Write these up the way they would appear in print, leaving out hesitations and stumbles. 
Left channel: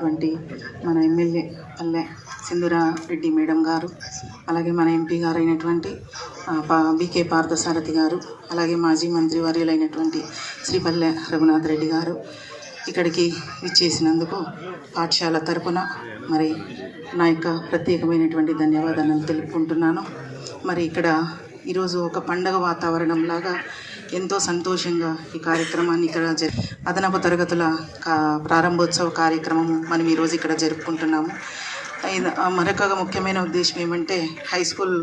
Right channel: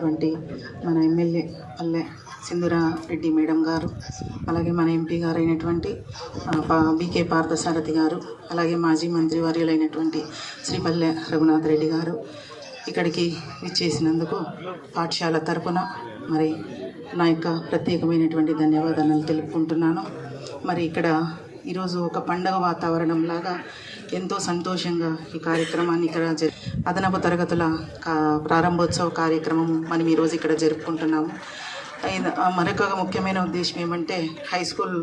అయినటువంటి మన ఎమ్మెల్యే పల్లె సింధూరారెడ్డి మేడం గారు, అలాగే మన ఎంపీ గారు అయినటువంటి బీకే పార్థసారథి గారు, అలాగే మాజీ మంత్రి వర్యులైనటువంటి శ్రీ పల్లె రఘునాథ్ రెడ్డి గారు ఇక్కడికి విచ్చేసినందుకు పాఠశాల తరపున మరి నా యొక్క ప్రత్యేకమైనటువంటి ధన్యవాదాలను తెలుపుకుంటున్నాను. మరి ఇక్కడ ఈరోజు ఒక పండగ వాతావరణం లాగా ఎంతో సంతోషంగా ఈ కార్యక్రమాన్ని ఇక్కడ అదనపు తరగతుల ప్రారంభోత్సవ కార్యక్రమం మనం ఈరోజు ఇక్కడ జరుపుకుంటున్నాము. మరొక ముఖ్యమైన ఉద్దేశం ఏమంటే హై స్కూల్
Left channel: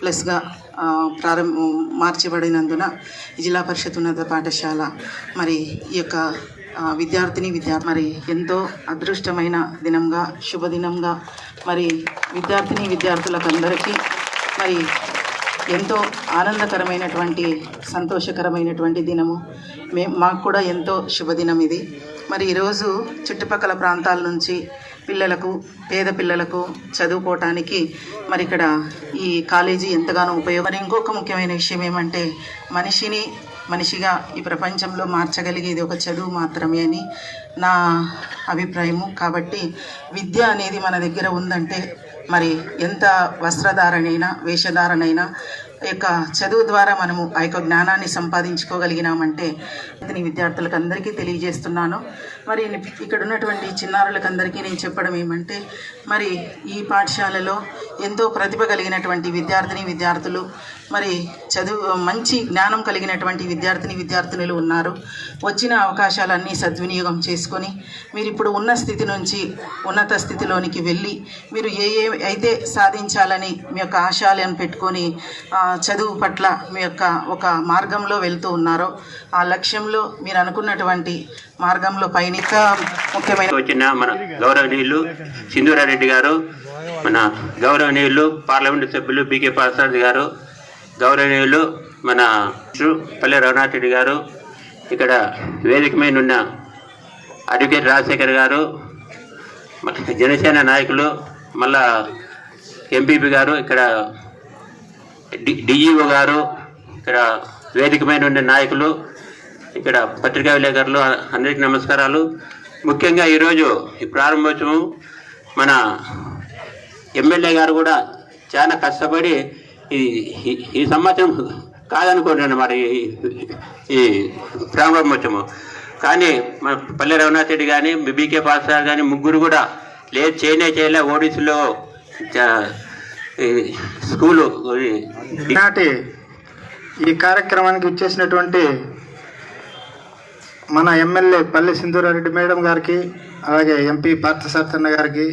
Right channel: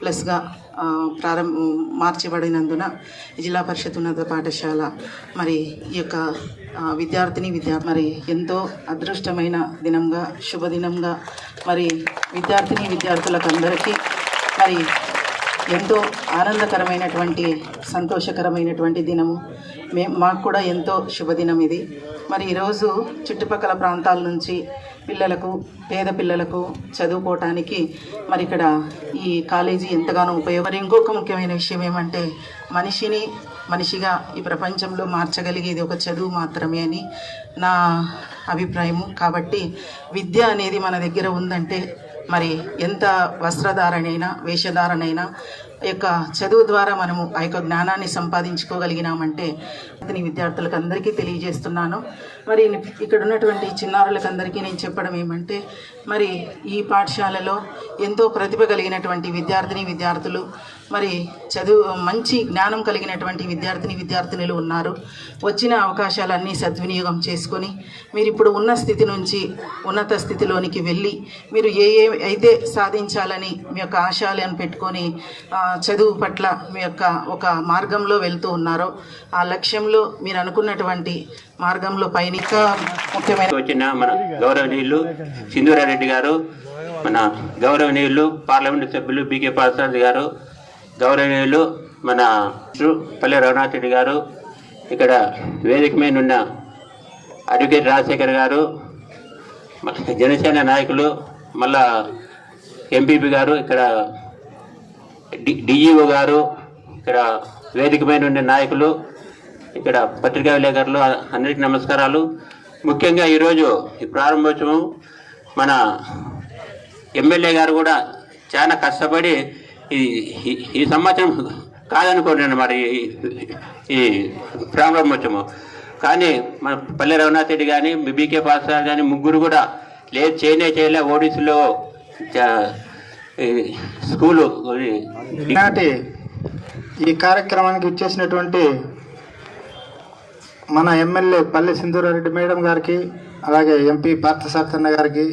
ప్లస్గా మార్చబడినందున జిల్లా పరిషత్ ఉన్నత పాఠశాల మరి ఈ యొక్క విద్యార్థి మరి ఎంతో అదృష్టమైన దినంగా శుభదినంగా మరి విద్యార్థులకు అందరికీ మరి ఎంతో ఆనందకరమైనటువంటి సంతోషకరమైనటువంటి దినము. మాకు కూడా ఎంతో శుభదినం ఇది. మరి ఈరోజు చుట్టుపక్కల ప్రాంతాల నుంచి పేద పిల్లలకు చదువుకోవటానికి మరి ఇక్కడ ఈ కాలేజీ ఎంతగానో మరి ఇంకొక ముఖ్యమైన విషయం ఏమంటే మనిషిగా ఈ ప్రపంచంలో మార్చగలిగేది ఒక చదువు మాత్రమే అని నా అభిప్రాయము. కాబట్టి విద్య అనేది మన దగ్గర ఉందంటే మరి ఎంత వస్త్రధారణైనా వేషధారణైనా యొక్క చదువు ద్వారా మనము ఆ యొక్క జ్ఞానాన్ని సంపాదించుకోగలిగినామంటే అతని విద్యార్థులకు అందరికీ తెలియజేస్తున్నాను. మరి ఇక్కడ ఉన్నటువంటి చిన్నారులకు అందరికీ నేను చెప్పడం ఏమంటే మరి ఈ పాఠశాలలో ఎంతో ప్రతిభ కలిగినటువంటి విద్యార్థులు మరి మంచి జ్ఞానం కలిగినటువంటి విద్యార్థినులు ఉన్నారు. వచ్చిన అవకాశాలన్నీ సద్వినియోగం చేసుకొని మీరు ఇప్పుడు ఉన్న స్థితి నుంచి ఉన్నత స్థితిలోనికి వెళ్ళి మీరు ఏ అయితే సాధించాలని మీ యొక్క ఆశయాలను పెట్టుకొని చదువు పట్ల మీ యొక్క ఒక మార్గంలో వెళ్తూ ఉన్నారో ఆ లక్ష్యంలో మీరు అనుకున్నటువంటి మార్గంలో పయనిక ముఖ్యమైన వచ్చిన మన గౌరవనీయులు సింధూరారెడ్డి గారు, మన గౌరవనీయులు పార్లమెంటు సభ్యులు బీకే పార్థసారథి గారు, గౌరవనీయులు మన పల్లె రఘునాథ్ రెడ్డి గారు, ఇక్కడ వేదిక మీద ఉన్న అడ్వకేట్ రాజశేఖర్ గారు, జనసేన నాయకులు, మళ్ళా ఎంపీపీ గారు, ఇక్కడ డిఈఓ గారు, ఇక్కడ వేదిక మీద ఉండే నాయకులు, ఇక్కడ పత్రికా విలేకరులు అందరికీ నమస్కారాలు. ముఖ్యంగా ఈరోజు ఈ ప్రారంభోత్సవం మన ఎమ్మెల్యే గారు కూడా చాలా కష్టపడి ఈ సంవత్సరం కాదనుకోండి అన్నమాట ఈ ప్రారంభోత్సవం. కానీ మన పల్లె రఘునాథ్ రెడ్డి కానీ బీకే పాఠశాల కానీ ముగ్గురు కూడా చేయలే ఓడిసిలో స్కూలు. ఈనాటి ఈ కార్యక్రమానికి ఇచ్చేసినటువంటి మన ఎమ్మెల్యే పల్లె సింధూరారెడ్డి మేడం గారికి, అలాగే ఎంపీ పార్థసారథి గారికి,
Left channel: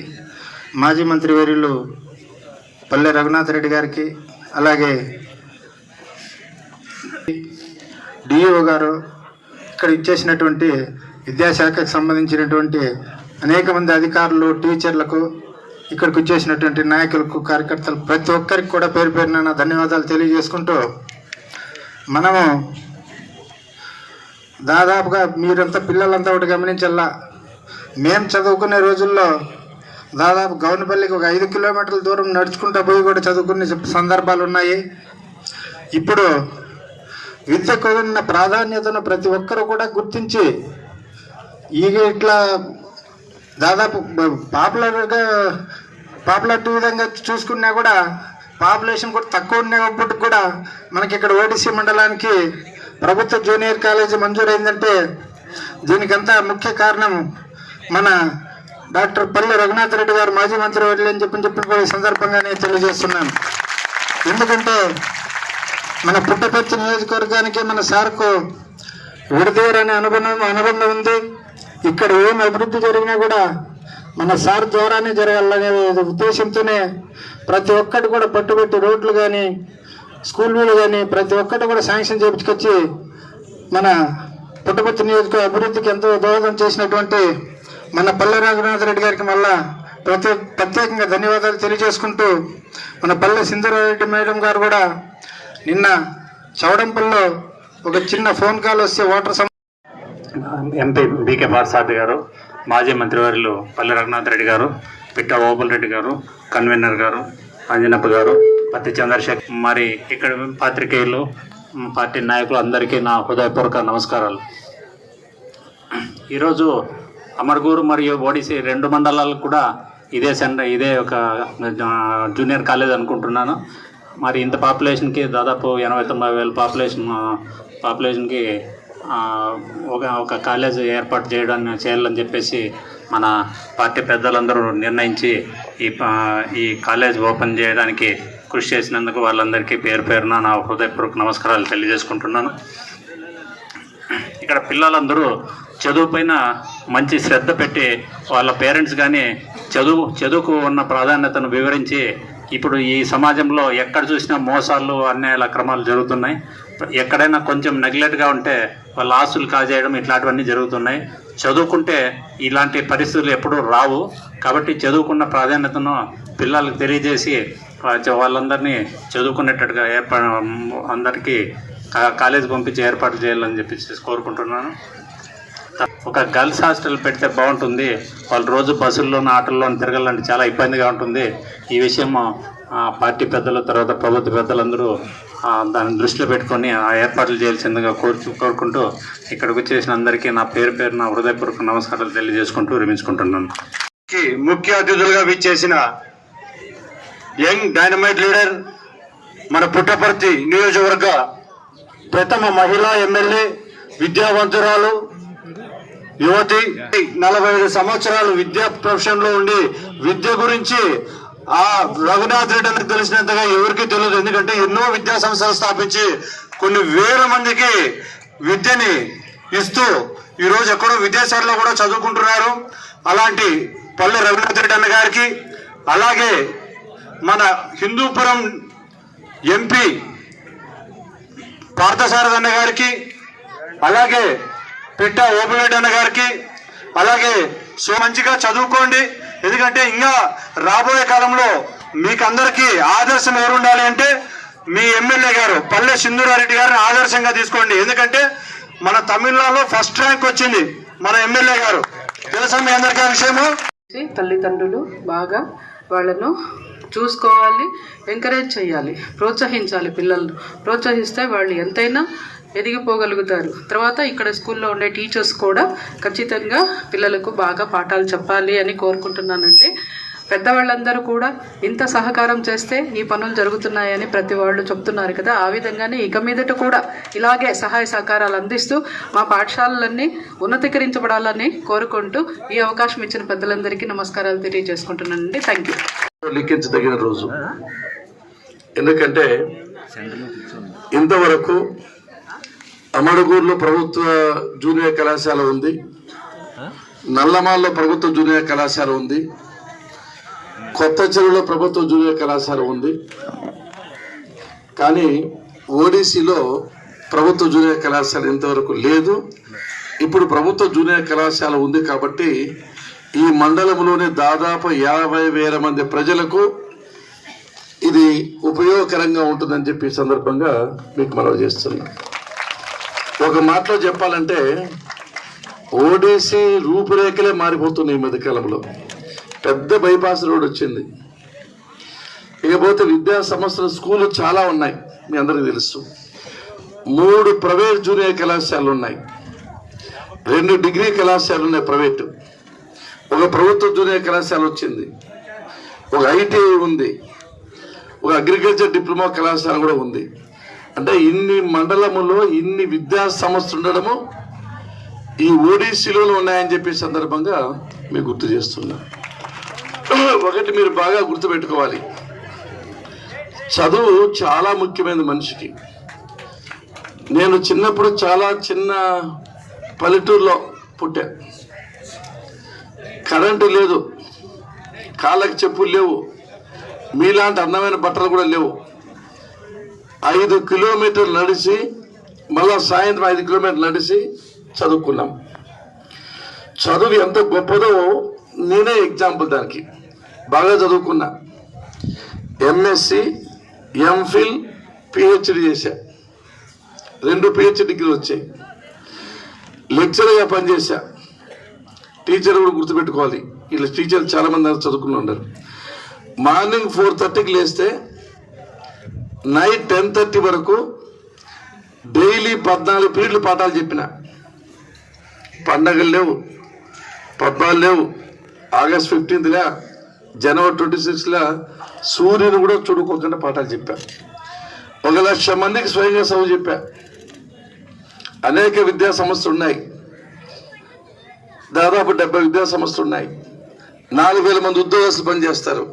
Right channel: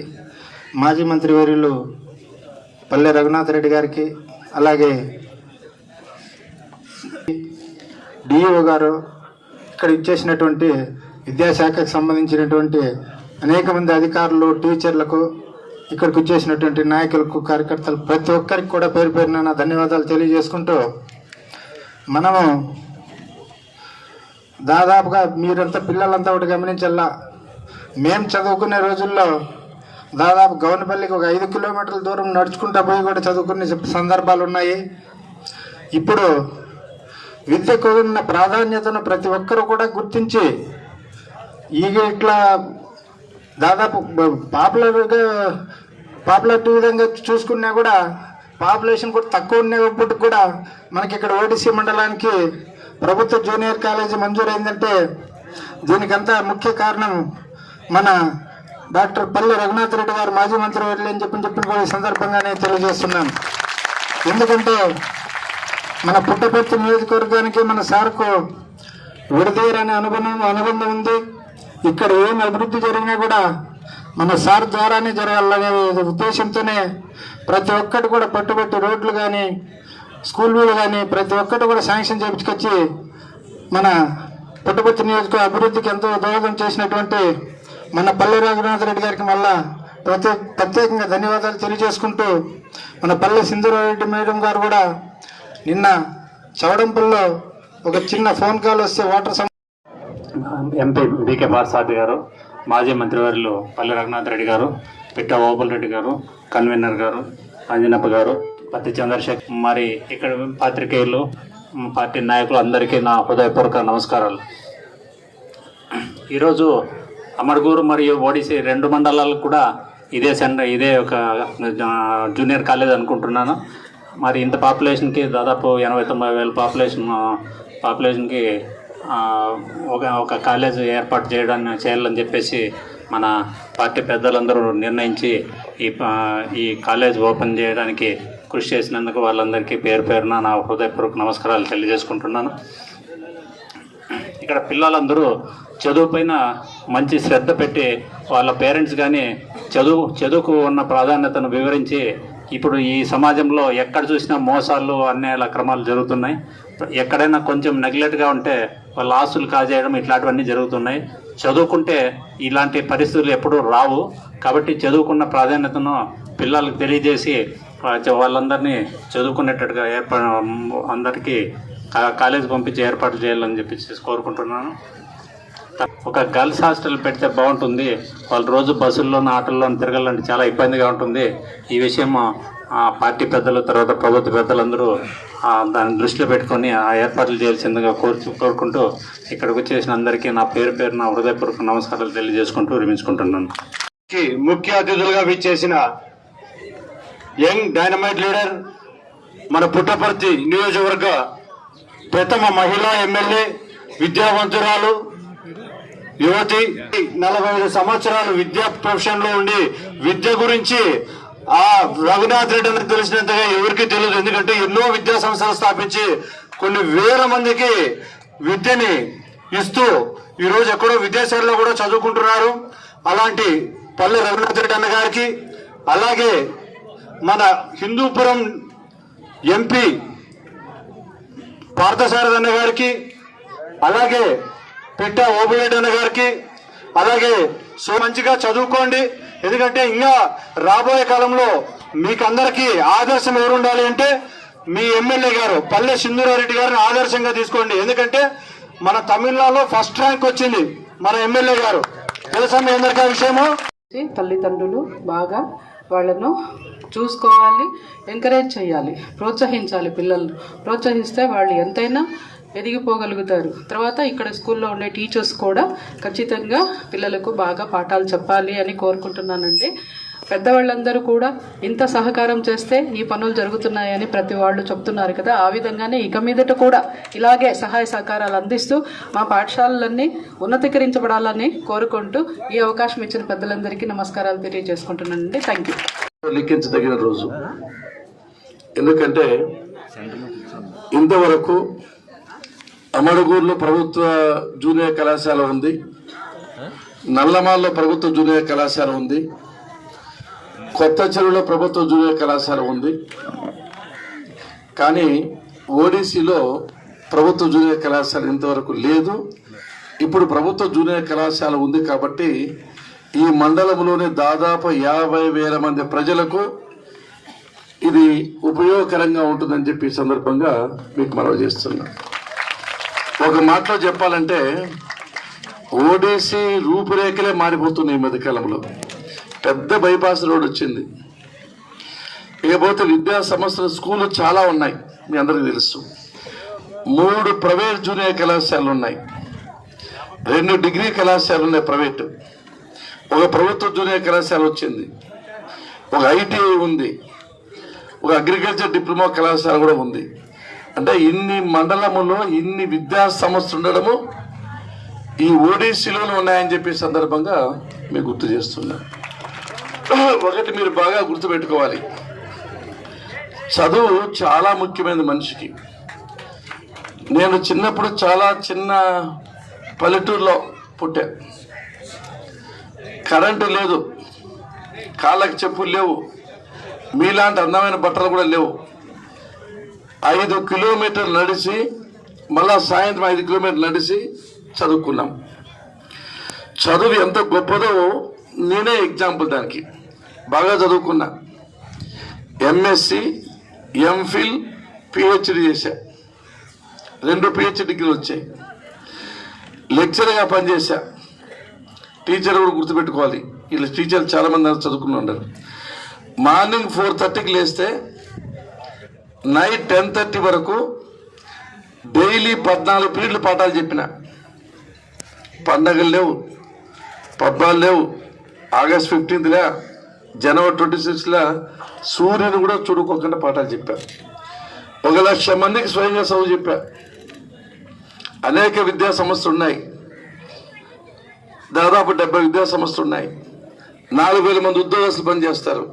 మాజీ మంత్రి వర్యులు పల్లె రఘునాథ్ రెడ్డి గారికి, అలాగే డిఈఓ గారు, ఇక్కడ ఇచ్చేసినటువంటి విద్యాశాఖకు సంబంధించినటువంటి అనేక మంది అధికారులు, టీచర్లకు, ఇక్కడికి వచ్చేసినటువంటి నాయకులకు, కార్యకర్తలు ప్రతి ఒక్కరికి కూడా పేరు పేరున నా ధన్యవాదాలు తెలియజేసుకుంటూ, మనము దాదాపుగా మీరంతా పిల్లలంతా ఒకటి గమనించల్లా, మేము చదువుకునే రోజుల్లో దాదాపు గౌనపల్లికి ఒక 5 కిలోమీటర్ల దూరం నడుచుకుంటూ పోయి కూడా చదువుకునే సందర్భాలు ఉన్నాయి. ఇప్పుడు విద్యకు ఉన్న ప్రాధాన్యతను ప్రతి ఒక్కరూ కూడా గుర్తించి ఇట్లా దాదాపు పాపులారిటీ విధంగా చూసుకున్నా కూడా పాపులేషన్ కూడా తక్కువ ఉన్నప్పటికి కూడా మనకి ఇక్కడ ఓడిసి మండలానికి ప్రభుత్వ జూనియర్ కాలేజీ మంజూరైందంటే దీనికంతా ముఖ్య కారణం మన డాక్టర్ పల్లె రఘునాథ్ రెడ్డి గారు, మాజీ మంత్రి వర్యులు అని చెప్పి కూడా ఈ సందర్భంగా నేను తెలియజేస్తున్నాను. ఎందుకంటే మన పుట్టపర్తి నియోజకవర్గానికి మన సార్కు విడదీయరనే అనుబంధం ఉంది. ఇక్కడ ఏం అభివృద్ధి జరిగినా కూడా మన సార్ ద్వారానే జరగాలనే ఉద్దేశంతోనే ప్రతి ఒక్కటి కూడా పట్టుబట్టి రోడ్లు కానీ స్కూళ్ళు కానీ ప్రతి ఒక్కటి కూడా శాంక్షన్ చేయించుకొచ్చి మన పుట్టపర్తి నియోజకవర్గ అభివృద్ధికి ఎంతో దోహదం చేసినటువంటి మన పల్లె రఘునాథ్ రెడ్డి గారికి మళ్ళా ప్రత్యేకంగా ధన్యవాదాలు తెలియజేసుకుంటూ, మన పల్లె సింధూరారెడ్డి మేడం గారు కూడా నిన్న చౌడంపల్లో ఒక చిన్న ఫోన్ కాల్ వస్తే ఎంపీ బీకే పార్థసారథి గారు, మాజీ మంత్రివర్యులు పల్లె రఘునాథ్ రెడ్డి గారు, పిట్ట ఓపుల్ రెడ్డి గారు, కన్వీనర్ గారు, అంజనప్ప గారు, పత్తి చంద్రశేఖర్, మరి ఇక్కడ పాత్రికేయులు, పార్టీ నాయకులు అందరికీ నా హృదయపూర్వక నమస్కారాలు. ఈరోజు అమర్గూరు మరియు ఓడిసి 2 మండలాలకు కూడా ఇదే ఒక జూనియర్ కాలేజ్ అనుకుంటున్నాను. మరి ఇంత పాపులేషన్కి దాదాపు 89,000 పాపులేషన్కి ఒక కాలేజ్ ఏర్పాటు చేయాలని చెప్పేసి మన పార్టీ పెద్దలందరూ నిర్ణయించి ఈ కాలేజ్ ఓపెన్ చేయడానికి కృషి చేసినందుకు వాళ్ళందరికీ పేరు పేరున నా హృదయపూర్వక నమస్కారాలు తెలియజేసుకుంటున్నాను. ఇక్కడ పిల్లలందరూ చదువు పైన మంచి శ్రద్ధ పెట్టి వాళ్ళ పేరెంట్స్ కానీ చదువుకు ఉన్న ప్రాధాన్యతను వివరించి, ఇప్పుడు ఈ సమాజంలో ఎక్కడ చూసినా మోసాలు అన్యాయాల అక్రమాలు జరుగుతున్నాయి. ఎక్కడైనా కొంచెం నెగ్లెక్ట్గా ఉంటే వాళ్ళ ఆస్తులు కాజేయడం ఇట్లాంటివన్నీ జరుగుతున్నాయి. చదువుకుంటే ఇలాంటి పరిస్థితులు ఎప్పుడూ రావు. కాబట్టి చదువుకున్న ప్రాధాన్యతను పిల్లలకు తెలియజేసి వాళ్ళందరినీ చదువుకునేటట్టుగా అందరికీ కాలేజ్ పంపించి ఏర్పాట్లు చేయాలని చెప్పి కోరుకుంటున్నాను. ఒక గర్ల్స్ హాస్టల్ పెడితే బాగుంటుంది. వాళ్ళు రోజు బస్సుల్లోనూ ఆటల్లోనూ తిరగాలంటే చాలా ఇబ్బందిగా ఉంటుంది. ఈ విషయం పార్టీ పెద్దలు, తర్వాత ప్రభుత్వ పెద్దలందరూ దాన్ని దృష్టిలో పెట్టుకొని ఏర్పాట్లు చేయాల్సిందిగా కోరుకుంటూ ఇక్కడికి వచ్చేసిన అందరికీ నా పేరు నా హృదయపూర్వక నమస్కారాలు తెలియజేసుకుంటూ విరమించుకుంటున్నాను. ముఖ్య అతిథులుగా విచ్చేసిన యంగ్ డైనమైట్ లీడర్, మన పుట్టపర్తి నియోజకవర్గ ప్రథమ మహిళా ఎమ్మెల్యే, విద్యావంతురాలు, యువతి, 45 సంవత్సరాలు విద్యా ప్రొఫెషన్లో ఉండి విద్య గురించి రఘునాథ్ రెడ్డి అని తెలిసినంతగా ఎవరికి తెలియదు. ఎందుకంటే ఎన్నో విద్యా సంస్థలు స్థాపించి కొన్ని వేల మందికి విద్యని ఇస్తూ ఈరోజు ఎక్కడో విదేశాల్లో కూడా చదువుకుంటున్నారు. అలాంటి పల్లె రఘునాథ్ రెడ్డి అన్న గారికి, అలాగే మన హిందూపురం ఎంపీ పార్థసారథి అన్న గారికి, అలాగే పిట్ట ఓబులెడ్డి అన్న గారికి, అలాగే మంచిగా చదువుకోండి. ఎందుకంటే ఇంకా రాబోయే కాలంలో మీకందరికీ ఆదర్శం ఎవరు ఉండాలి అంటే మీ ఎమ్మెల్యే గారు పల్లె సింధూరారెడ్డి గారిని ఆదర్శంగా తీసుకోండి. ఎందుకంటే మన తమిళనాడులో ఫస్ట్ ర్యాంక్ వచ్చింది మన ఎమ్మెల్యే గారు. తెలుసా మీ అందరికీ విషయము? తల్లిదండ్రులు బాగా వాళ్ళను చూసుకోవాలి, ఎంకరేజ్ చేయాలి, ప్రోత్సహించాలి. పిల్లలను ప్రోత్సహిస్తే వాళ్ళు ఎంతైనా ఎదిగిపోగలుగుతారు. తర్వాత ఇక్కడ స్కూల్లో ఉండే టీచర్స్ కూడా ఖచ్చితంగా పిల్లలకు బాగా పాఠాలు చెప్పాలి అని కోరుకుంటున్నానండి. పెద్దవాళ్ళందరూ కూడా ఇంత సహకారం చేస్తే ఈ పనులు జరుగుతున్నాయని ప్రతి వాళ్ళు చెప్తున్నారు కదా. ఆ విధంగానే ఇక మీదట కూడా ఇలాగే సహాయ సహకారాలు అందిస్తూ మా పాఠశాలలన్నీ ఉన్నతీకరించబడాలని కోరుకుంటూ ఈ అవకాశం ఇచ్చిన పెద్దలందరికీ నమస్కారాలు తెలియజేసుకుంటున్నానండి. Thank you. లిఖించదగిన రోజు. ఎందుకంటే ఇంతవరకు అమడుగూరులో ప్రభుత్వ జూనియర్ కళాశాల ఉంది, నల్లమాల్లో ప్రభుత్వ జూనియర్ కళాశాల ఉంది, కొత్త చెరువులో ప్రభుత్వ జూనియర్ కళాశాల ఉంది. కానీ ఓడిసిలో ప్రభుత్వ జూనియర్ కళాశాల ఇంతవరకు లేదు. ఇప్పుడు ప్రభుత్వ జూనియర్ కళాశాల ఉంది కాబట్టి ఈ మండలంలోని దాదాపు 50,000 మంది ప్రజలకు ఇది ఉపయోగకరంగా ఉంటుందని చెప్పి ఈ సందర్భంగా మీకు మనవి చేస్తున్నా. ఒక మాటలో చెప్పాలంటే ఓడిసి రూపురేఖలే మారిపోతున్నాయి ఈ మధ్యకాలంలో. పెద్ద బైపాస్ రోడ్ వచ్చింది. ఇకపోతే విద్యా సంస్థలు, స్కూళ్ళు చాలా ఉన్నాయి, మీ అందరికీ తెలుసు. 3 ప్రైవేట్ జూనియర్ కళాశాలలు ఉన్నాయి, 2 డిగ్రీ కళాశాలలు ఉన్నాయి ప్రైవేటు, ఒక ప్రభుత్వ జూనియర్ కళాశాల వచ్చింది, ఒక ఐటీఐ ఉంది, ఒక అగ్రికల్చర్ డిప్లొమా కళాశాల కూడా ఉంది. అంటే ఇన్ని మండలములో ఇన్ని విద్యా సంస్థలు ఉండడము ఈ ఓడిసిలోనే ఉన్నాయని చెప్పే సందర్భంగా మీకు గుర్తు చేస్తున్నా. ఒకటి మీరు బాగా గుర్తుపెట్టుకోవాలి, చదువు చాలా ముఖ్యమైనది మనిషికి. నేను చిన్నప్పుడు చాలా చిన్న పల్లెటూరులో పుట్టా. కరెంటు లేదు, కాళ్ళకి చెప్పులు లేవు, మీలాంటి అందమైన బట్టలు కూడా లేవు. 5 కిలోమీటర్లు నడిచి మళ్ళా సాయంత్రం 5 కిలోమీటర్లు నడిచి చదువుకున్నాం. చదువు ఎంత గొప్పదో నేనే ఎగ్జాంపుల్. దానికి బాగా చదువుకున్నా, ఎంఎస్సి, ఎంఫిల్, పిహెచ్డి చేశా, 2 పిహెచ్డి డిగ్రీలు వచ్చాయి. లెక్చర్గా పనిచేశా. టీచర్ కూడా గుర్తుపెట్టుకోవాలి, వీళ్ళ టీచర్లు చాలామంది చదువుకుని ఉన్నారు. మార్నింగ్ 4:30కి లేస్తే నైట్ 10:30 వరకు డైలీ 14 పీరియడ్లు పాఠాలు చెప్పిన. పండగలు లేవు, పద్నాలుగు లేవు, ఆగస్ట్ 15లా, జనవరి 26లా సూర్యుని కూడా చూడుకోకుండా పాఠాలు చెప్పా. 1,00,000 మందికి స్వయంగా చదువు చెప్పా. అనేక విద్యా సంస్థలు ఉన్నాయి, దాదాపు 70 విద్యా సంస్థలు ఉన్నాయి. 4,000 మంది ఉద్యోగస్తులు పనిచేస్తారు.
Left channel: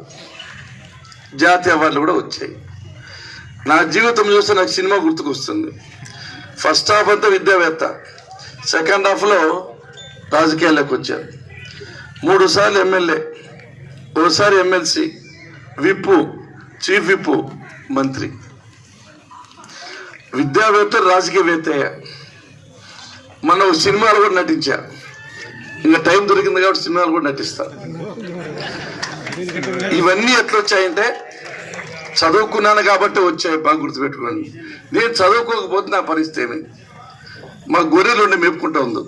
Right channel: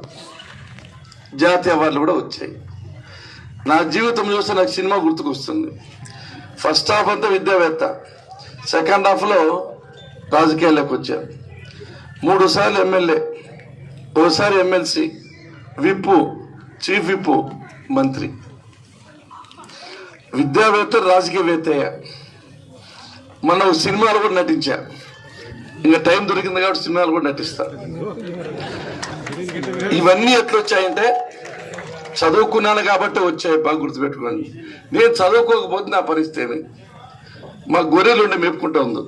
జాతీయ అవార్డులు కూడా వచ్చాయి. నా జీవితం చూస్తే నాకు సినిమా గుర్తుకొస్తుంది. ఫస్ట్ హాఫ్ అంతా విద్యావేత్త, సెకండ్ హాఫ్లో రాజకీయాల్లోకి వచ్చా. 3 సార్లు ఎమ్మెల్యే, ఓసారి ఎమ్మెల్సీ, విప్పు, చీఫ్ విప్పు, మంత్రి. విద్యావేత్త, రాజకీయవేత్త. మన సినిమాలు కూడా నటించా. ఇంకా టైం దొరికింది కాబట్టి సినిమాలు కూడా నటిస్తా. ఇవన్నీ ఎట్లొచ్చాయంటే చదువుకున్నాను కాబట్టి వచ్చాయి. బాగా గుర్తుపెట్టుకోండి. నేను చదువుకోకపోతే నా పరిస్థితి ఏమి? మా గొర్రెలు ఉండే మేపుకుంటా ఉంది,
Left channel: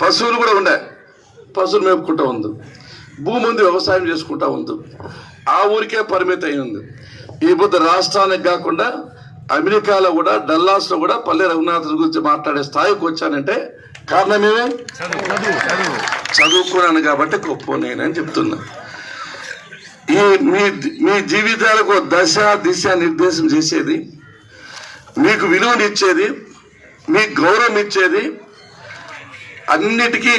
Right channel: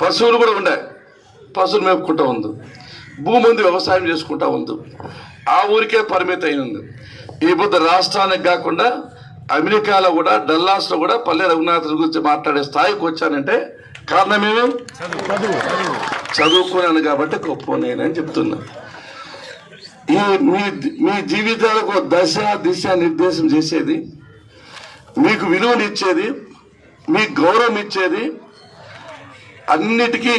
పశువులు కూడా ఉండే, పశువులు మేపుకుంటా ఉంది, భూమి ఉంది, వ్యవసాయం చేసుకుంటా ఉంది. ఆ ఊరికే పరిమితం అయి ఉంది. ఈ పొద్దు రాష్ట్రానికి కాకుండా అమెరికాలో కూడా, డల్లాస్లో కూడా పల్లె రఘునాథుల గురించి మాట్లాడే స్థాయికి వచ్చానంటే కారణం ఏమి? చదువుకున్నాను కాబట్టి గొప్ప నేనని చెప్తున్నా. ఈ మీ జీవితాలకు దశ దిశ నిర్దేశం చేసేది, మీకు విలువనిచ్చేది, మీకు గౌరవం ఇచ్చేది, అన్నిటికీ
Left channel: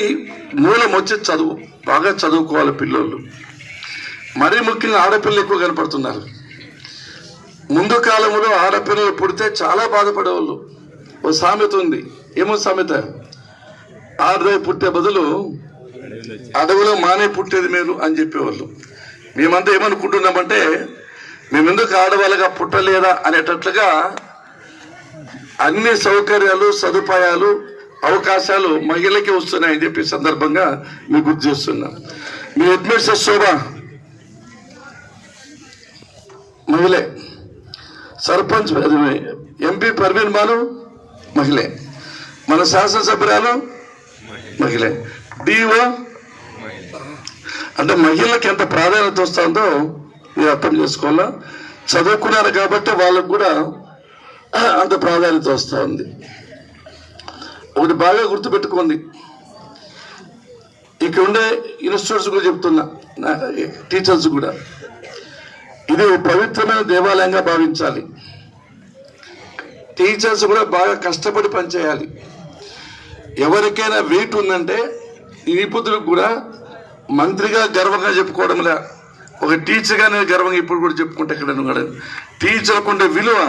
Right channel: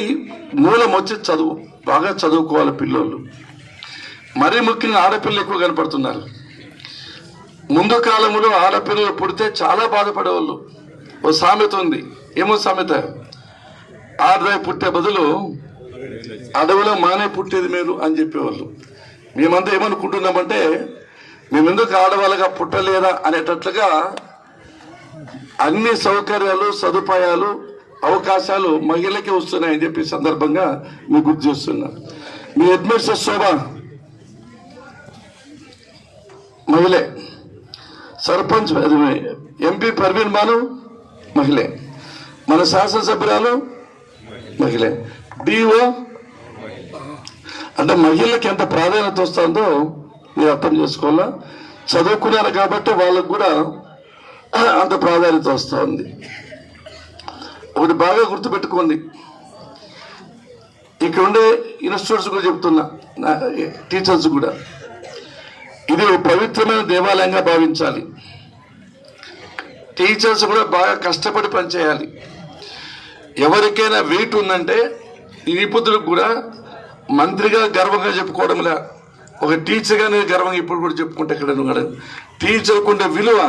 మూలం వచ్చి చదువు. బాగా చదువుకోవాలి పిల్లలు. మరీ ముఖ్యంగా ఆడపిల్లలు ఎక్కువ కనపడుతున్నారు. ముందు కాలంలో ఆడపిల్లలు పుడితే చాలా బాధపడేవాళ్ళు. ఓ సామెత ఉంది. ఏమో సామెత? ఆడదాయి పుట్టే బదులు అడవిలో మానే పుట్టేది మేలు అని చెప్పేవాళ్ళు. మేమంతా ఏమనుకుంటున్నామంటే మేమెందుకు ఆడవాళ్ళగా పుట్టలేదా అనేటట్లుగా అన్ని సౌకర్యాలు, సదుపాయాలు, అవకాశాలు మహిళలకి వస్తున్నాయని చెప్పి సందర్భంగా మీకు గుర్తు చేస్తున్నా. మీ అడ్మినిస్ట్రేటర్ శోభ మహిళే, సర్పంచ్ ఎంపీ పర్వీన్ బాను మహిళే, మన శాసనసభ్యురాలు మహిళే, డిఓ. అంటే మహిళలకు ఎంత ప్రాధాన్యత వస్తుందో మీరు అర్థం చేసుకోవాలా. చదువుకున్నారు కాబట్టి వాళ్ళకు కూడా అంత ప్రాధాన్యత వస్తుంది. ఒకటి బాగా గుర్తుపెట్టుకోండి. ఇక్కడ ఉండే ఇన్స్టిట్యూట్స్ కూడా చెప్తున్నా, టీచర్స్ కూడా, ఇది పవిత్రమైన దేవాలయంగా భావించాలి. టీచర్స్ కూడా బాగా కష్టపడి పనిచేయాలి. ఎవరికైనా వెయిట్ ఉందంటే ఈ నిపుణులకు కూడా మంత్రిగా గర్వంగా చెప్పుకోవడంలా, ఒక టీచర్గా నేను గర్వంగా ఇప్పుడు కూడా చెప్పుకుంటే ఇక్కడ టీచర్కు ఉండే విలువ,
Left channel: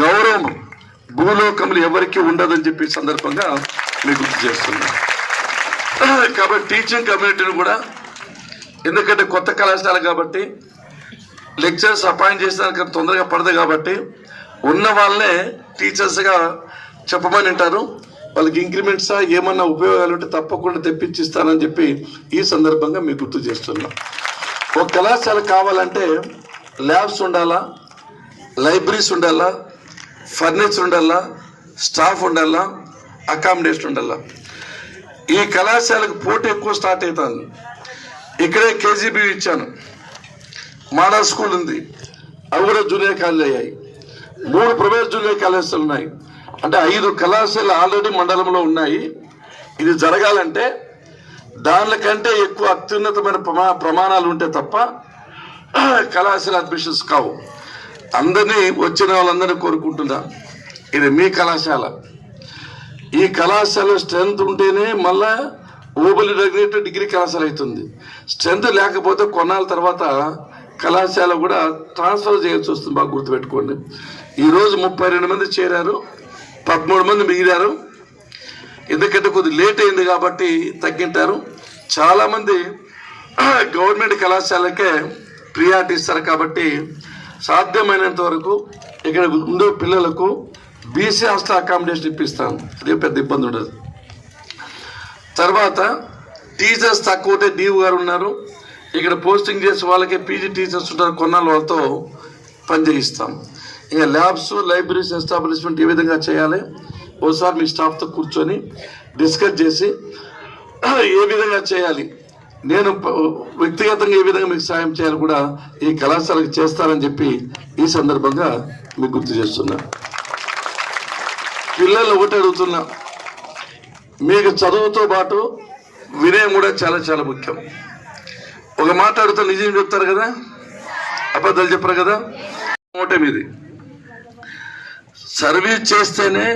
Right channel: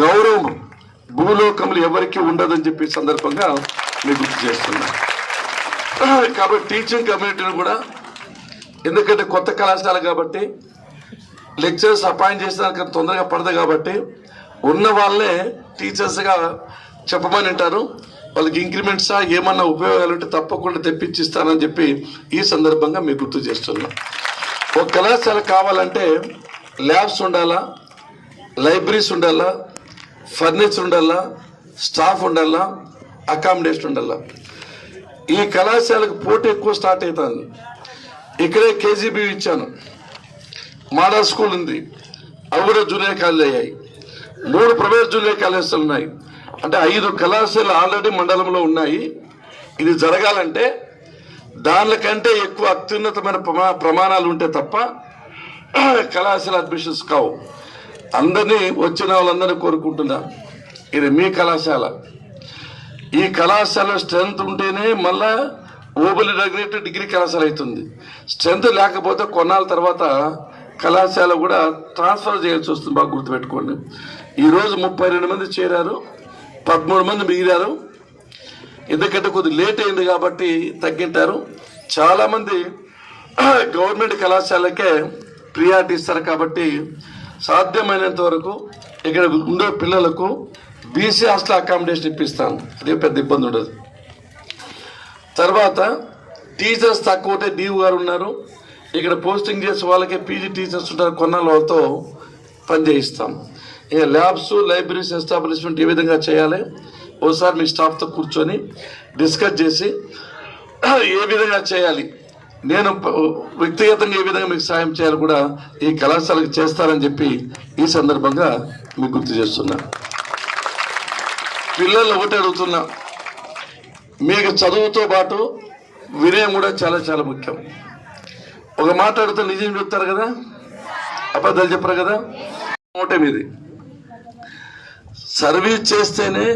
గౌరవం భూలోకంలో ఎవరికి ఉండదని చెప్పి సందర్భంగా మీకు గుర్తు చేస్తున్నా. కాబట్టి టీచింగ్ కమ్యూనిటీని కూడా, ఎందుకంటే కొత్త కళాశాల కాబట్టి లెక్చరర్స్ అపాయింట్ చేసినాక తొందరగా పడదు కాబట్టి ఉన్న వాళ్ళే టీచర్స్గా చెప్పమని అంటారు. వాళ్ళకి ఇంక్రిమెంట్సా ఏమన్నా ఉపయోగాలు ఉంటే తప్పకుండా తెప్పించిస్తానని చెప్పి ఈ సందర్భంగా మీకు గుర్తు చేస్తున్నా. ఒక కళాశాల కావాలంటే ల్యాబ్స్ ఉండాలా, లైబ్రరీస్ ఉండాలా, ఫర్నిచర్ ఉండాలా, స్టాఫ్ ఉండాలా, అకామిడేషన్ ఉండాలా. ఈ కళాశాలకు పోటీ ఎక్కువ స్టార్ట్ అవుతుంది. ఇక్కడే కేజీబీ ఇచ్చాను, మోడల్ స్కూల్ ఉంది, అవి కూడా జూనియర్ కాలేజ్ అయ్యాయి. 3 ప్రైవేట్ జూనియర్ కాలేజీలు ఉన్నాయి. అంటే 5 కళాశాలలు ఆల్రెడీ మండలంలో ఉన్నాయి. ఇది జరగాలంటే దానికంటే ఎక్కువ అత్యున్నతమైన ప్రమాణాలు ఉంటే తప్ప కళాశాల అడ్మిషన్స్ కావు. అందరినీ వచ్చిన వాళ్ళందరినీ కోరుకుంటున్నా, ఇది మీ కళాశాల. ఈ కళాశాల స్ట్రెంత్ ఉంటేనే మళ్ళా ఓబుల్ రెగ్యులేటెడ్ డిగ్రీ కళాశాల అవుతుంది. స్ట్రెంత్ లేకపోతే కొన్నాళ్ళ తర్వాత కళాశాల కూడా ట్రాన్స్ఫర్ చేయాల్సి వస్తుంది. బాగా గుర్తుపెట్టుకోండి. ఈరోజు 32 మంది చేరారు, 13 మంది మిగిలారు. ఎందుకంటే కొద్దిగా లేట్ అయింది కాబట్టి తగ్గింటారు. చాలామంది గవర్నమెంట్ కళాశాలకే ప్రియారిటీ ఇస్తారు కాబట్టి సాధ్యమైనంత వరకు ఇక్కడ ఉండే పిల్లలకు బీసీ హాస్టల్ అకామిడేషన్ ఇప్పిస్తాం. అదే పెద్ద ఇబ్బంది ఉండదు. తర్వాత టీచర్స్ తక్కువ ఉంటే డీఓ గారు ఉన్నారు, ఇక్కడ పోస్టింగ్ చేసే వాళ్ళకి పీజీ టీచర్స్ ఉంటారు, కొన్నాళ్ళు వాళ్ళతో పని చేయిస్తాం. ఇక ల్యాబ్స్, లైబ్రరీస్ ఎస్టాబ్లిష్మెంట్ ఏ విధంగా చేయాలి ఒకసారి మీ స్టాఫ్తో కూర్చొని డిస్కస్ చేసి ఏ విధంగా చేయాలి, నేను వ్యక్తిగతంగా ఏ విధంగా మీకు సాయం చేయాలి కూడా ఈ కళాశాలకు చేస్తారని చెప్పి ఈ సందర్భంగా మీకు గుర్తు చేస్తున్నా. పిల్లల్ని ఒకటి అడుగుతున్నా, మీకు చదువుతో పాటు వినయం కూడా చాలా చాలా ముఖ్యం. ఒక మాట అడుగుతా నిజం చెప్తారు కదా, అబద్ధాలు చెప్పరు కదా. ఒకటే మీది సర్వీస్ చేస్తేనే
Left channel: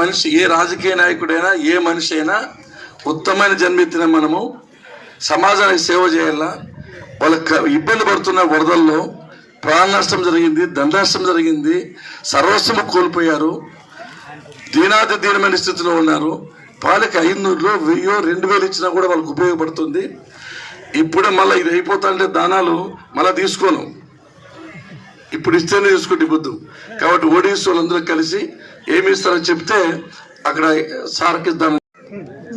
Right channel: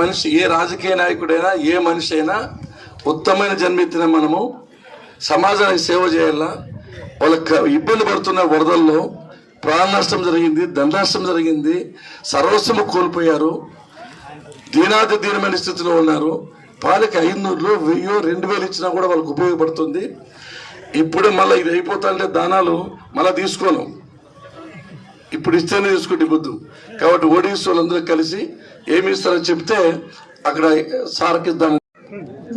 మనిషి, ఏ రాజకీయ నాయకుడైనా ఏ మనిషి అయినా ఉత్తమమైన జన్మెత్తిన మనము సమాజానికి సేవ చేయాలా. వాళ్ళకి ఇబ్బంది పడుతున్న వరదల్లో ప్రాణ నష్టం జరిగింది, ధన నష్టం జరిగింది, సర్వస్వము కోల్పోయారు, దీనాది దీనమైన స్థితిలో ఉన్నారు. వాళ్ళకి 500 1000 2000 ఇచ్చినా కూడా వాళ్ళకి ఉపయోగపడుతుంది. ఇప్పుడే మళ్ళీ ఇది అయిపోతాంటే దానాలు మళ్ళీ తీసుకోను, ఇప్పుడు ఇస్తేనే తీసుకుంటే బుద్ధు. కాబట్టి ఓడిఎస్ వాళ్ళందరూ కలిసి ఏమి ఇస్తారో చెప్తే అక్కడ సార్కి దాని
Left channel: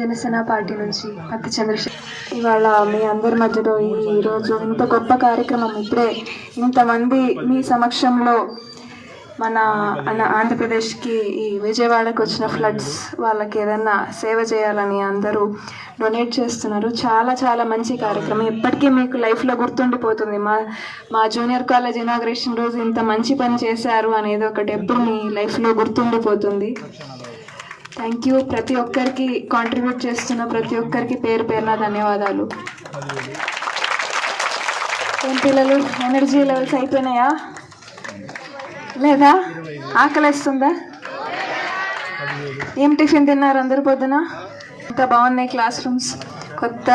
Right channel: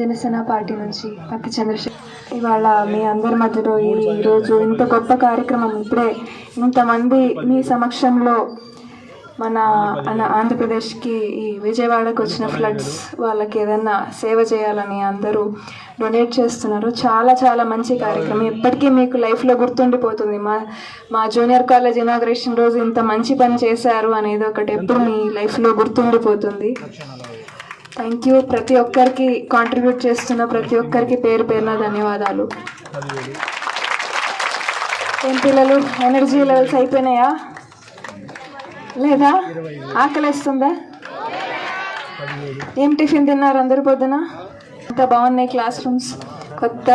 జనసేన పార్టీ నుంచి పత్తి చంద్రశేఖర్. ఇవాళ మీ అందరి మధ్యలో ఈరోజు ఇంత గొప్ప కార్యక్రమం, ఇప్పుడే ఇంతమంది మీ సమక్షంలో మన ఆంధ్రప్రదేశ్కి ఈ విజయవాడకు వచ్చిన ఫ్లడ్స్ వాళ్ళకి ఏదన్నా సేవ చేయాలని అందరూ డొనేట్ చేస్తున్నారు. చాలా చాలా మంచి కార్యక్రమం, ఎప్పటికీ మీకు లైఫ్లో గుర్తుండిపోతుంది. మా జూనియర్ కాలేజ్ ఇనాగ్రేషన్ రోజు ఇంత మంచి పని చేశారు అనేది ఒకటి ఎప్పుడు మీ లైఫ్లో గుర్తుండిపోతుంది. Thank you. ప్రతి ఒక్కరికి కాంట్రిబ్యూట్ చేస్తున్న ప్రతి ఒక్కరికి పేరు పేరున ధన్యవాదాలు. ఏం పిల్లలు, ఎనర్జీ లెవెల్స్ అయిపోయినాయా లేదా? ఆకలిస్తుందా? ఏం టిఫిన్ తిన్నారు అందరు పొద్దున? ఇంకా బాగున్నాయి క్లాస్ రూమ్స్. కొత్త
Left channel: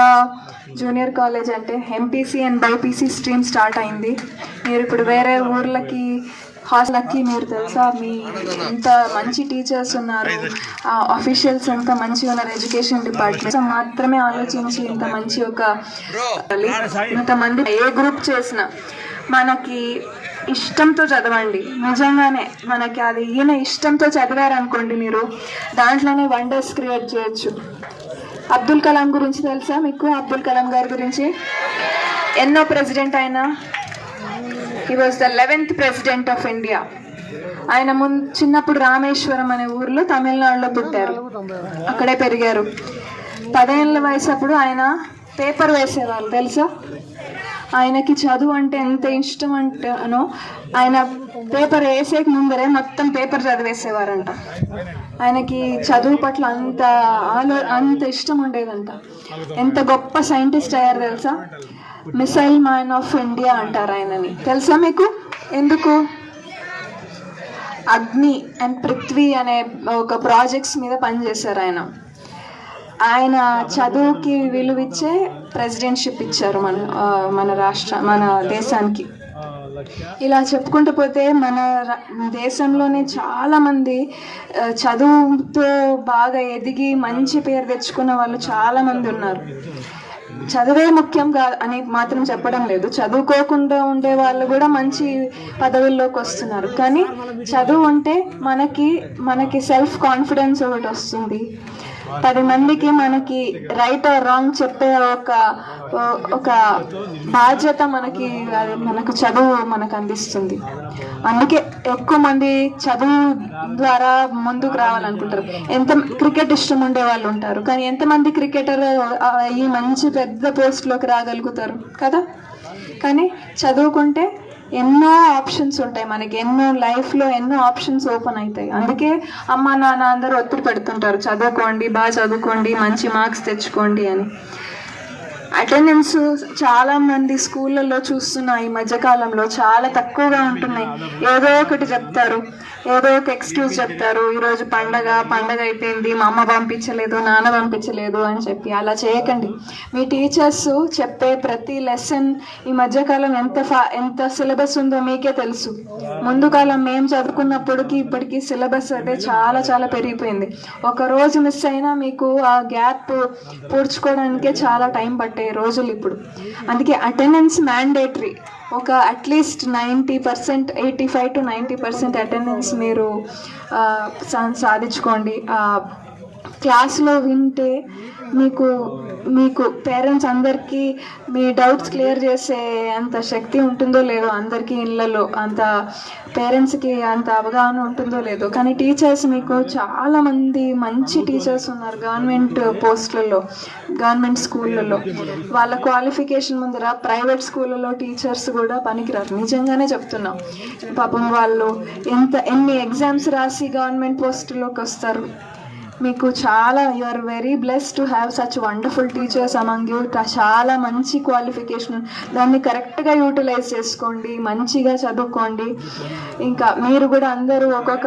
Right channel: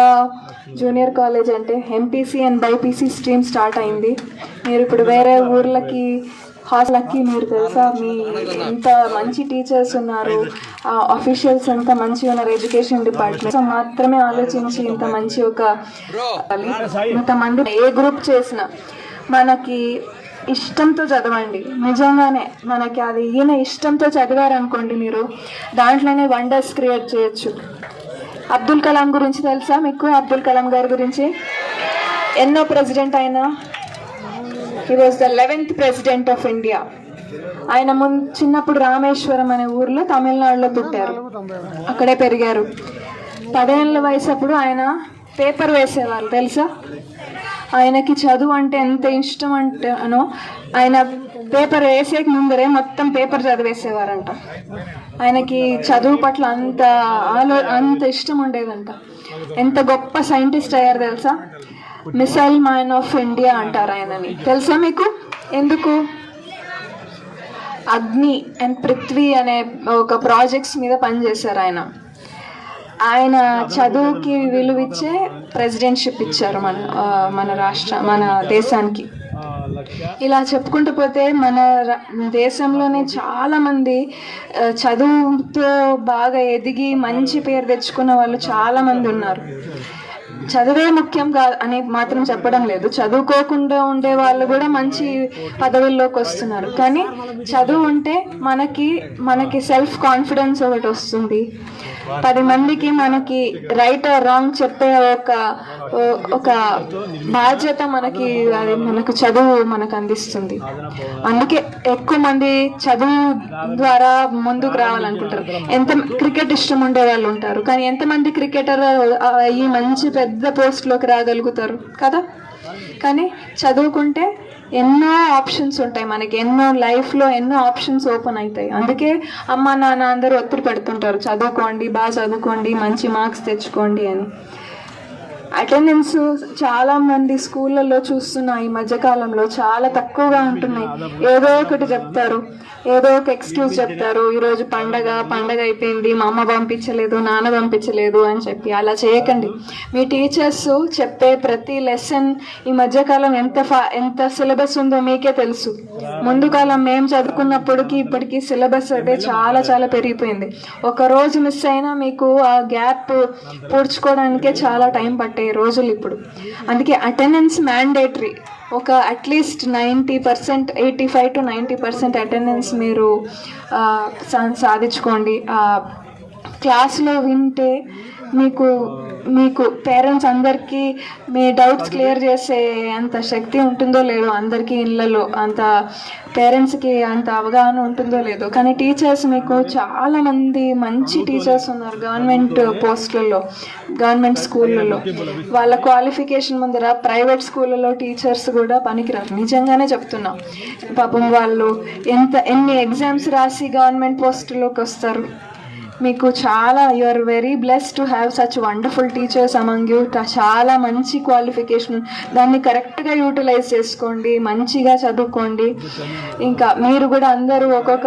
జూనియర్ కాలేజ్ అంటే MPC and BiPC stream start అయింది. మీరు ఇప్పుడు వేరే ఊర్లకి హాస్టల్కి, మీరు తెలుసా మీ ఎంత మంచి టీచర్స్ ఉన్నారు, అఫీషియల్స్ ఎంత మంచిగా ఉన్నారు. ఎడ్యుకేషన్ డిపార్ట్మెంట్ మాత్రమే ఆలోచించి ఇంత మంచి ఒక ఇంతమంది ఏ గ్రూప్ చేసినా మనకి ఇష్టంతో చదవండి. నిజంగానే మనకి అది ఈయన ఇష్టంతో చదివారనుకోండి, మీరు దాంట్లోనే వండర్స్ క్రియేట్ చేయొచ్చు. అబ్దుల్ కలాం గురించి తెలుసా మీకు? అబ్దుల్ కలాం గారి గురించి ఎన్నో ప్రెసిడెంట్ అయినా, he was the 11th president of India. ఆయన చిన్నప్పుడు రామేశ్వరం అనే ఊర్లో తమిళనాడులో పుట్టారు, అక్కడే పెరిగారు. 10 ఏళ్ళ వయసు అప్పుడు ఆయన పేపర్ వేసేవారు తెలుసా? ఆయనకి చదువు అంటే ఎంత ఇష్టం అంటేనో ఆయన పేపర్ వేసే ముందరే మొత్తం పేపర్ చదివేసేవారంట. ఆయనకి చదువు పట్ల అంత ఇష్టం ఉండేదంట. ఎంత గొప్ప సైంటిస్ట్ అయ్యారు తెలుసా? మిసైల్ మ్యాన్ ఆఫ్ ఇండియా అంటారు ఆయనని. తెలుసా మీకు? ఎందుకు? అగ్ని అండ్ పృథ్వీ అనే ఒక ప్రాజెక్ట్స్ మీద పనిచేశారు ఆయన. ఆయన చదువుకి విలువిచ్చే ప్రెసిడెంట్షిప్ ఇచ్చారు మన దేశానికి. ఇలా చెప్పుకుంటూ పోతే మన దేశంలోనే చాలామంది చదువుతో బాగా ఎదిగి మంచి పేరు తెచ్చుకున్న వాళ్ళు చాలామంది ఉన్నారు. చదువే ముఖ్యం అని మాత్రం చెప్పడం లేదు, చదువుకోకుండా ఉండే వాళ్ళు కూడా మంచి పదవుల్లోకి వస్తున్నారు. కానీ చదువు ఉంటే మనకి సెల్ఫ్ కాన్ఫిడెన్స్ ఒకటి వస్తుంది. 10 మందికి మనకి రైట్ ఆర్ రాంగ్ చెప్పే ఒక బాధ్యత మనకు చదువు మనకు అందిస్తుంది. అందుకే ఎక్కువ మంది చదువు ద్వారా ముందుకు రావాలనుకుంటారు. క్రికెట్ ఇష్టం ఉండే వాళ్ళు ఉంటారు, కానీ ఎంతమంది క్రికెటర్ ఈ మంచి పెద్ద పోస్ట్లోకి రాగలుగుతారు కదా? కానీ చదువుకుంటే ఎన్నో ఆప్షన్స్ ఉంటాయి మనకి, లైఫ్లో ఎన్నో ఆప్షన్స్ ఓపెన్ అవుతాయి. అందుకే అమ్మ నాన్న అందరూ ఒత్తిడి పెడుతుంటారు, చదువుకోండి, బాగా చదువుకోండి, మంచి మార్క్స్ తెచ్చుకోండి అని. అటెండెన్స్ చాలా మంది స్కూళ్ళల్లో చూస్తున్నా ఈ మధ్యకాలంలో చాలా తక్కువగా ఉంటున్నాయి. ఏదో ఒకటి చెప్తారు, ఏదో ఒక ఎక్స్క్యూజ్ చెప్తారు. ఈరోజు పండగ అయిపోయింది, మా అమ్మ పంపించలేదు, నాన్న పంపించలేదు అని చెప్పి. అలా చేయకండి. మీ టీచర్స్ చెప్పే ప్రతి లెసన్ ఈ మధ్యకాలం ఎంత సిలబస్ ఉందో మీకే తెలుసు. ముందు కాలం మేము చదువుకున్నప్పటికీ ఇప్పటికీ సిలబస్ అయితే చాలా చాలా పెరిగిపోయింది. ఒక రోజు మిస్ అయినా మీకు ఆ గ్యాప్ పూడ్చుకోవడానికే చాలా టైం పట్టే రోజులు ఇప్పుడు. అందుకే అటెండెన్స్ మ్యాండేటరీ. ఒక అట్లీస్ట్ 90%, 85 to 90% అటెండెన్స్ మీరు సాధించుకోండి. క్లాస్లో వింటే మీకు పేరెంట్స్ అందరికీ మీ డౌట్స్ క్లియర్ చేసే అంత శక్తి ఉంటుందో లేదో, అందరికీ ఇళ్ళలో అంత పేరెంట్స్కి అంత అవగాహన ఉంటుందో లేదో. కానీ టీచర్స్ మీకు చాలామంది మంచి టీచర్స్ ఉన్నారు గవర్నమెంట్ పోస్టులలో, గవర్నమెంట్ స్కూళ్ళల్లో. వాళ్ళ క్వాలిఫికేషన్ ముందర ప్రైవేట్ స్కూళ్ళలో టీచర్స్ కూడా పనికిరారు. నిజంగానే చెప్తున్నా. పాపం వాళ్ళు ఎన్ని ఎగ్జామ్స్ రాసి గవర్నమెంట్ పోస్టులోకి వస్తారు. మీకు చాలా you are very blessed to have such wonderful teachers among you. చాలా మంచి క్వాలిఫికేషన్, దాన్ని కరెక్ట్గా యూటిలైజ్ చేసుకోండి, మంచిగా చదువుకోండి. ఇంకా మీరు కూడా అందరూ ఒక్కొక్క